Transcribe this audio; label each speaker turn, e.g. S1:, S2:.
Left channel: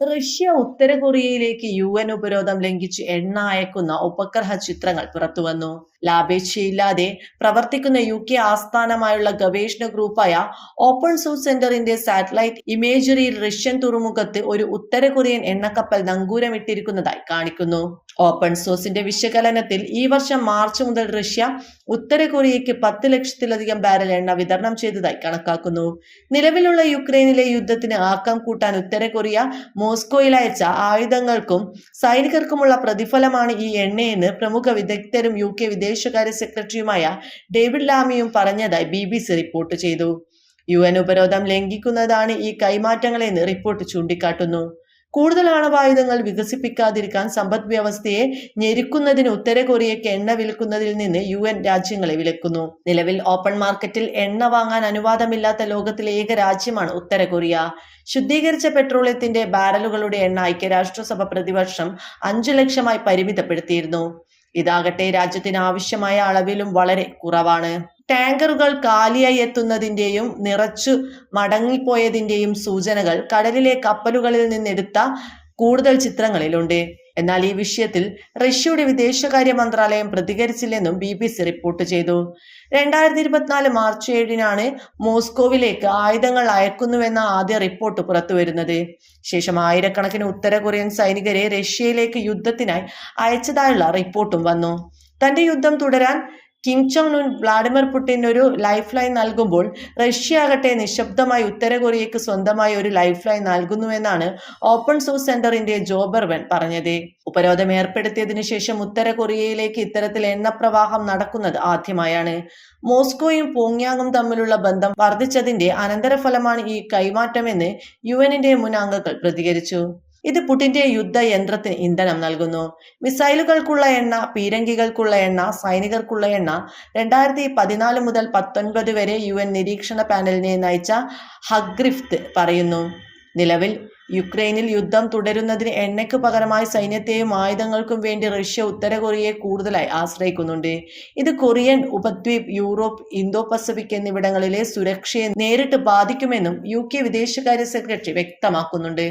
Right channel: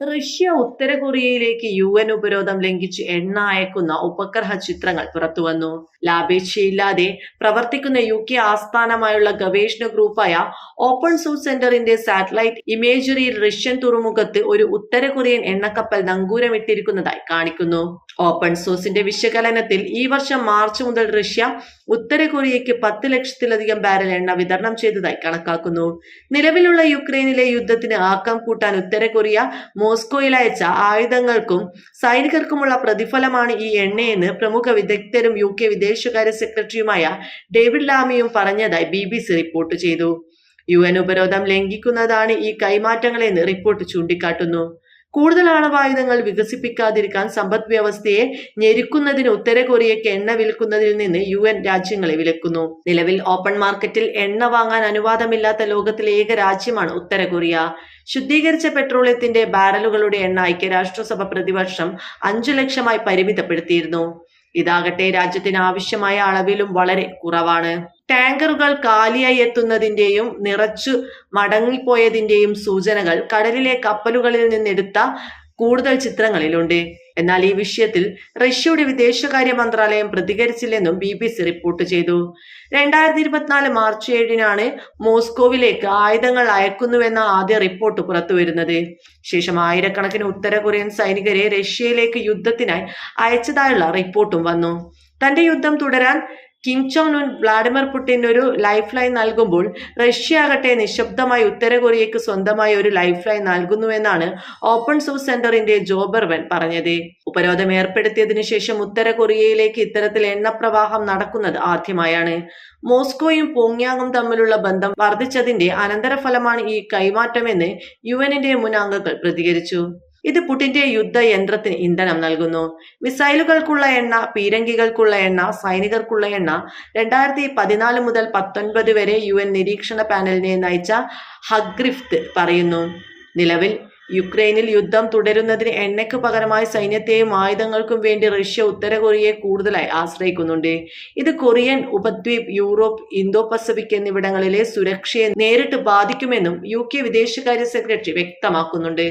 S1: Russia ഉത്തര കൊറിയയിലേക്ക് U N ഉപരോധം ലംഘിച്ച് എണ്ണ അയക്കുന്ന ഉപഗ്രഹ ചിത്രങ്ങൾ പുറത്തുവന്നു ലാഭേച്ഛയില്ലാതെ പ്രവർത്തിക്കുന്ന യു കെ ആസ്ഥാനമായുള്ള ഗവേഷണ ഗ്രൂപ്പായ ഓപ്പൺ സോഴ്സ് സെന്ററിന്റെ സാറ്റലൈറ്റ് ഇമേജറിയിൽ റഷ്യൻ തുറമുഖത്ത് ഒരു ഉത്തര കൊറിയൻ എണ്ണക്കപ്പൽ നങ്കൂരമിട്ടിരിക്കുന്നതായി കാണിക്കുന്നു. ഓപ്പൺ സോഴ്സിന്റെ വിശകലനത്തിൽ ഈ വർഷം മാർച്ച് മുതൽ റഷ്യ ഉത്തര കൊറിയയ്ക്ക് പത്ത് ലക്ഷത്തിലധികം ബാരൽ എണ്ണ വിതരണം ചെയ്തതായി കണക്കാക്കുന്നു. നിലവിലുള്ള യുക്രൈനിലെ യുദ്ധത്തിന് ആക്കം കൂട്ടാൻ ഉത്തര കൊറിയ മോസ്കോയിൽ അയച്ച ആയുധങ്ങൾക്കും സൈനികർക്കുമുള്ള പ്രതിഫലമാണ് ഈ എണ്ണയെന്ന് പ്രമുഖ വിദഗ്ധരും യു കെ വിദേശകാര്യ സെക്രട്ടറിയുമായ ഡേവിഡ് ലാമിയും പറഞ്ഞതായി ബി ബി സി റിപ്പോർട്ട് ചെയ്തു. യു എൻ ഉപരോധം ലംഘിക്കുന്നതാണ് ഈ കൈമാറ്റങ്ങളെന്ന് റിപ്പോർട്ട് ചൂണ്ടിക്കാട്ടുന്നു. കൂടുതൽ ആണവായുധങ്ങൾ വികസിപ്പിക്കാതിരിക്കാൻ സമ്പദ് വ്യവസ്ഥയെ ഞെരുക്കുന്നതിന് ഉത്തര കൊറിയയ്ക്ക് എണ്ണ വിൽക്കുന്നതിൽ നിന്ന് യു എൻ രാജ്യങ്ങളെ വിലക്കുന്നു. നിലവിൽ ഓപ്പൺ മാർക്കറ്റിൽ എണ്ണ വാങ്ങാൻ അനുവാദമില്ലാത്ത ലോകത്തിലെ ഏക രാജ്യമാണ് ഉത്തര കൊറിയ ശുദ്ധീകരിച്ച പെട്രോളിയത്തിന്റെ ബാരലുകളുടെ എണ്ണ ഐക്യരാഷ്ട്രസഭ പ്രതിവർഷം അഞ്ചു ലക്ഷമായി പരിമിതപ്പെടുത്തിയിരുന്നു. ഇതാകട്ടെ രാജ്യത്തിന് ആവശ്യമായ അളവിലും വളരെ കുറവാണ്. ടാങ്കറുകൾ കാലിയായി എത്തുന്നതിന്റെയും നിറച്ചു മടങ്ങിപ്പോയതിന്റെയും സൂചനകൾ കടലിലെ കപ്പലുകളിൽ നിന്നെടുത്ത കൂടുതൽ ചിത്രങ്ങളിലുണ്ട്. എന്നാൽ ഈ വിഷയത്തിൽ റഷ്യയുടെ വിദേശകാര്യ മന്ത്രാലയം പ്രതികരിച്ചില്ലെന്നും ബി ബി സി റിപ്പോർട്ട് ചെയ്തു. രണ്ടായിരത്തി ഇരുപത്തിനാല് മാർച്ച് ഏഴിനാണ് മോസ്കോവിലേക്ക് ആയുധങ്ങൾ അയക്കുന്നുവെന്ന ആദ്യ റിപ്പോർട്ട് പുറത്തുവരുന്നത്. ശേഷം ആയിരക്കണക്കിന് ഉത്തര കൊറിയൻ സൈനികരെ റഷ്യയിലേക്ക് യുദ്ധത്തിനായി അയച്ചതായുള്ള റിപ്പോർട്ടും വന്നു. തന്റെ യുദ്ധം തുടരാൻ Kim Jong Un Vladimir Putin ഒരു ലൈഫ് ലൈൻ നൽകുമ്പോൾ റഷ്യ ആകട്ടെ നിശബ്ദമായി ഉത്തര കൊറിയയ്ക്ക് സ്വന്തമായി ഒരു ലൈഫ് ലൈൻ നൽകുന്നുവെന്നാണ് ഓപ്പൺ സോഴ്സ് സെന്ററിന്റെ ജോബർവൻ പറഞ്ഞത്. ഉപരോധം ഏർപ്പെടുത്തിയതിനു ശേഷം ഉത്തര കൊറിയയിലേക്ക് ഇത്തരത്തിൽ എണ്ണപ്രവാഹം നടക്കുന്നത് ആദ്യമായാണ്. മോസ്കോയും പോങ്യാങ്ങും തമ്മിലുള്ള ബന്ധം വർദ്ധിച്ചതിന്റെ അനന്തരഫലമാണ് ഈ കൈമാറ്റമെന്ന് യു എന്നിന്റെ മുൻ അംഗങ്ങൾ പ്രതികരിച്ചു. ഇത് പുടിന്റെ യുദ്ധയന്ത്രത്തിന് ഇന്ധനം നൽകുന്നു. മിസൈലുകൾക്കുള്ള എണ്ണ പീരങ്കികൾക്കുള്ള എണ്ണ സൈനികർക്കുള്ള എണ്ണ രണ്ടായിരത്തി പതിനാല് മുതൽ പത്തൊൻപത് വരെ യു എൻ നിരീക്ഷണ പാനലിനെ നയിച്ച ഹഗ്രിഫ്ത് പറയുന്നു. നിലവിൽ യുക്രൈനിൽ യുദ്ധം തുടരുന്നതിന് എണ്ണയ്ക്ക് പകരമായി സൈന്യത്തെയും ആയുധങ്ങൾക്കും വേണ്ടി റഷ്യ ഉത്തര കൊറിയയെ കൂടുതലായി ആശ്രയിക്കുന്നുണ്ട്. ഇത് കൊറിയൻ ഉപദ്വീപ് യൂറോപ്പ് ഇന്തോ പസഫിക് എന്നിവിടങ്ങളിലെ സുരക്ഷയെ നേരിട്ട് ബാധിക്കുമെന്നും യു കെ വിദേശകാര്യ സെക്രട്ടറി വ്യക്തമാക്കുന്നുണ്ട്.